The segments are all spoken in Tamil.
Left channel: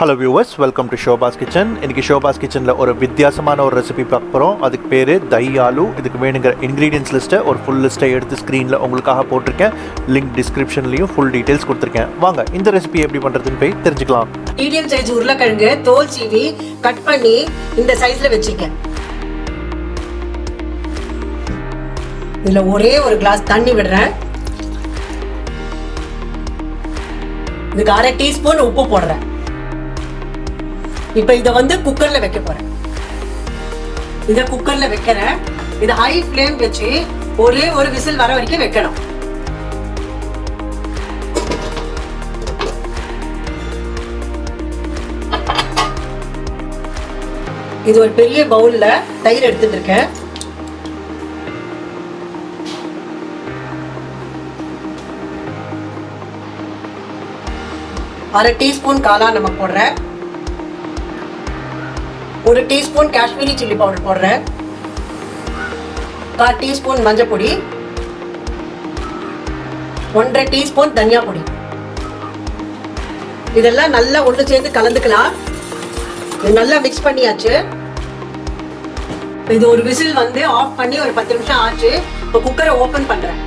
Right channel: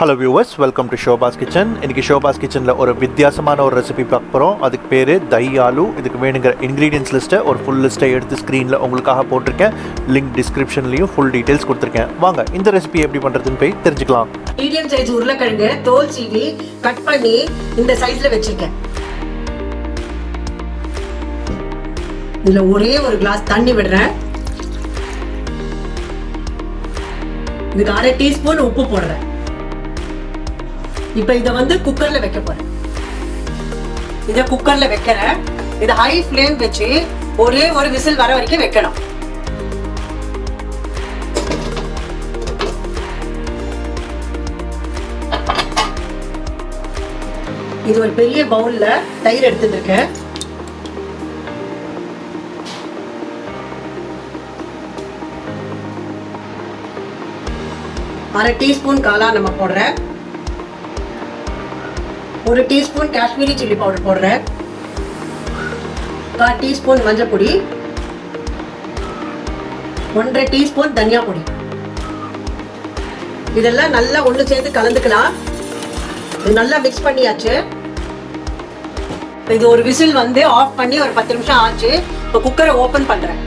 Hello viewers, welcome to Shobha's Kitchen. இன்னைக்கு Shobha's Kitchenல ஒரு வித்தியாசமான ஒரு ரெசிபி பார்க்க போறோம். அதுக்கு பேரு தஹி ஆலு. இதுக்கு வேணுங்கிற இன்கிரிடியன்ட்ஸ் லிஸ்ட்டை ஒரு ஃபுல் லிஸ்ட்டை எடுத்து ஸ்க்ரீனில் உங்களுக்காக போட்டிருக்கேன். லிங்க் டிஸ்கிரிப்ஷன்லையும் ஃபுல் டீட்டெயில்ஸ் கொடுத்துருக்கேன். வாங்க இந்த ரெசிபி எப்படி பண்ணுறதுன்னு போய் தெரிஞ்சுக்கலாம். மீடியம் சைஸ் உருளைக்கிழங்கு தோல் சீவி கட் பண்ணி இந்த சைஸ்ல வச்சிருக்கேன். இதுல ஒரே ஒரு கிளாஸ் தண்ணி விடுறேன். இதுக்கு 1/2 டீஸ்பூன் உப்பு போடுறேன். இப்ப இத குக்கர்ல வைக்க போறேன். இத குக்கர்ல வைக்கிறேன். இது ஹை ஃப்ளேம் வச்சு ஒரே ஒரு விசில் வர வரைக்கும் வைக்கணும். இது ஒரு பெரிய பவுல்ல தயிர் எடுத்துட்டு இருக்கேன். அரை டீஸ்பூன் காலா நமக் போடுறேன். 1 டீஸ்பூன் காஷ்மீரி சில்லி பவுடர் போடுறேன். 1/4 டீஸ்பூன் மஞ்சள் பொடி, 1/2 டீஸ்பூன் தனியா பொடி. இதெல்லாம் நல்லா ஒன்று சேர்த்து கலந்துக்கலாம். இது நல்லா மிக்ஸ் பண்ணியாச்சு. இது ஒரு விசில் ஆஃப் பண்ணி ஒரு 10 நிமிஷம் ஆச்சு. இப்போ குக்கரை ஓபன் பண்றேன்.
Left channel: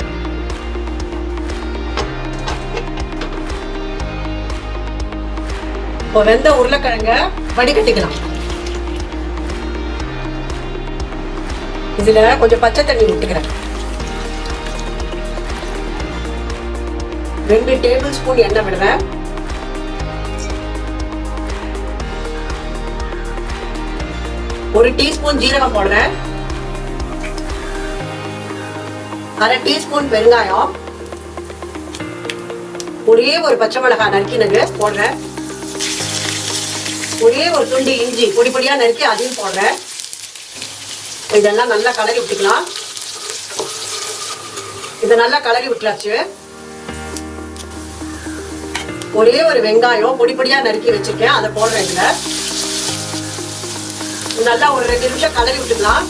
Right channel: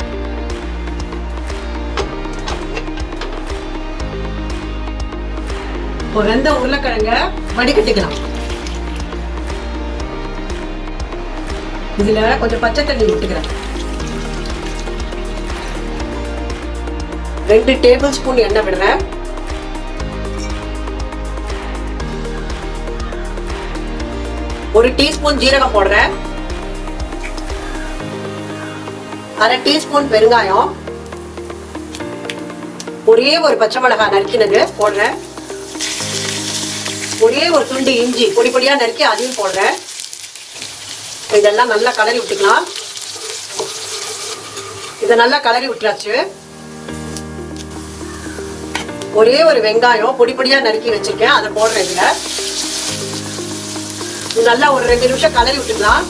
இப்போ வெந்த உருளைக்கிழங்க வடிகட்டிக்கலாம். இதுல கொஞ்சம் பச்சை தண்ணி விட்டுக்கிறேன். 2 டேபிள் ஸ்பூன் எண்ணெய் விடுறேன். ஒரு டீஸ்பூன் ஜீரகம் போடுறேன். 1/2 டீஸ்பூன் வெங்காயம், ஒரே ஒரு பச்சை மிளகாய் நறுக்கினது போடுறேன். ஒரே ஒரு துண்டு இஞ்சி பொடி பொடியா நறுக்கி அதையும் போடுறேன். இதெல்லாம் நல்லா கலரி விட்டுக்கலாம். இதை நல்லா கலரி விட்டுறாச்சு. ஒரே ஒரு வெங்காயம் பொடி பொடியா நறுக்கி வச்சிருக்கேன், அதை போடுறேன். இதுல இது நல்லா ஒரு 2 நிமிஷம் கலரி விட்டுக்கலாம்.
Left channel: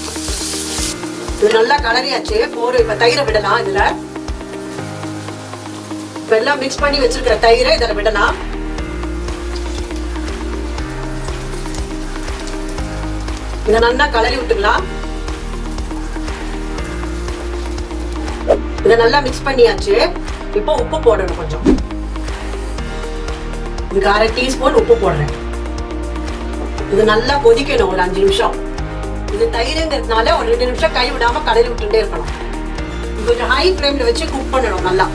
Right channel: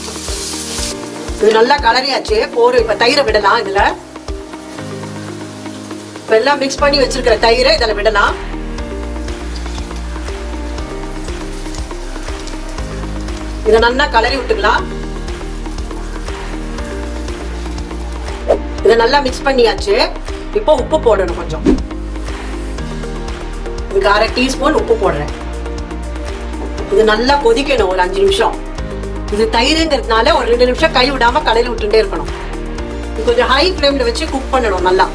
இது நல்லா கலரியாச்சு. இப்ப தயிரை விடலாம். இதுல எல்லாம் மிக்ஸ் பண்ணி வச்சிருக்கிற தயிரை இதுல விடலாம். இதை நல்லா கலரி விட்டுக்கலாம். இதை நல்லா மிக்ஸ் பண்ணியாச்சு. இப்போ உப்பு போடணும் கொஞ்சம். இதுக்கு 1/2 டீஸ்பூன் உப்பு போடுறேன். இது நல்லா கொதிக்கணும் ஒரு 5 நிமிஷம். இது தயிர்ங்கிறதுனால ஒரு 2 நிமிஷம் கை விடாம கலரி விட்டுட்டே இருக்கணும். இது கொஞ்சம் ஹை ஃப்ளேம்ல வச்சு குக் பண்ணணும் நல்லா.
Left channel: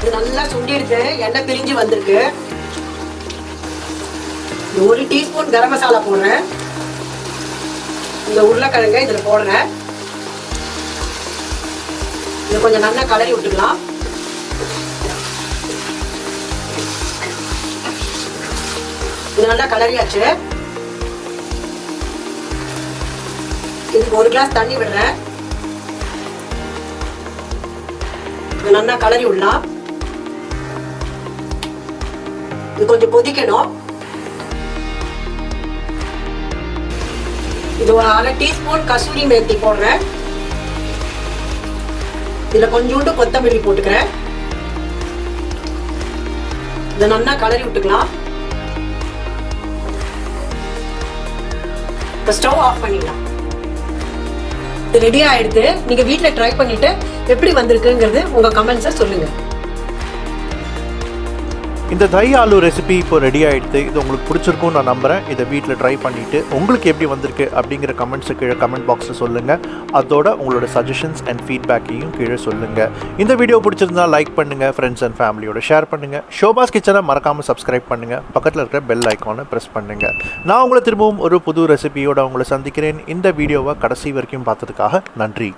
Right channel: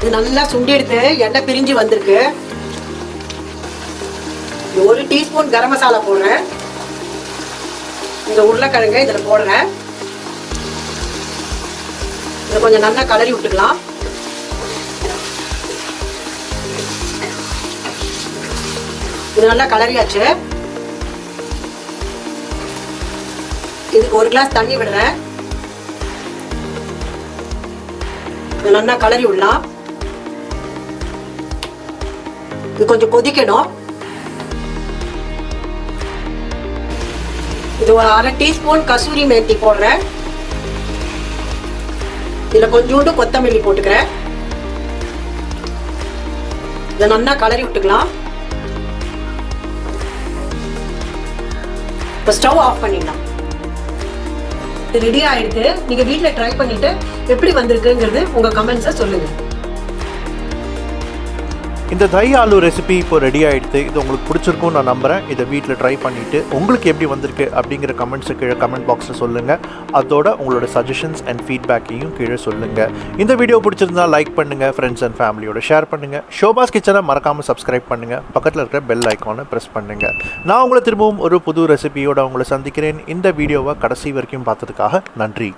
இது நல்லா சுண்டி எடுத்து எண்ணெய் பிரிஞ்சு வந்திருக்கு. 1 டீஸ்பூன் கரம் மசாலா போடுறேன். இந்த உருளைக்கிழங்க இதுல போடுறேன். இதை கொஞ்சம் நல்லா கலரி விட்டுக்கலாம். இது நல்லா கலரியாச்சு. இதுக்கு 1 கிளாஸ் தண்ணி விடுறேன். இது நல்லா கலரி விடலாம். இது கொஞ்சம் கொதிக்கணும். இது ஒரு 1/2 டீஸ்பூன் கசூரி மேத்தி போடுறேன். இதுல கொஞ்சோண்டு கொத்தமல்லி போட்டுக்கிறேன். இதை நல்லா கலரி விட்டுக்கலாம். ஸ்டவ் ஆஃப் பண்ணிடலாம். இது ரெடி ஆயிடுது. நீங்க வீட்டுல ட்ரை பண்ணிட்டு எப்படி வந்திருக்குங்கிறது உங்க கமெண்ட்ஸை சொல்லுங்க. இந்த தஹி ஆலு ரெசிபி இப்போ ரெடி ஆகிடுது. இது உங்களுக்கு பிடிச்சிருக்கும்னு நான் நம்புகிறேன். இதை வீட்டில் ட்ரை பண்ணிவிட்டு உங்களுக்கு எப்படி வந்திருக்கு அப்படிங்கிற கமெண்ட்ஸு கீழே கமெண்ட் பாக்ஸில் சொல்லுங்கள். அதோட உங்களோட சஜஷன்ஸ் அண்ட் ஃபீட்பேக்கையும் கீழே சொல்லுங்கள். இந்த வீடியோ பிடிச்சிருந்தா லைக் பண்ணுங்கள், ஃப்ரெண்ட்ஸ் அண்ட் ஃபேமிலியோட ஷேர் பண்ணுங்கள். ஷோபாஸ் கிச்சனை மறக்காமல் சப்ஸ்கிரைப் பண்ணுங்கள். பக்கத்தில் இருக்கிற பெல் ஐக்கானை ப்ரெஸ் பண்ணுங்கள். நான் உங்களை திரும்பவும் ஒரு புது ரெசிபியோட உங்களை சந்திக்கிறேன். இந்த வீடியோவை கடைசி வரைக்கும் பார்த்ததுக்காக நன்றி.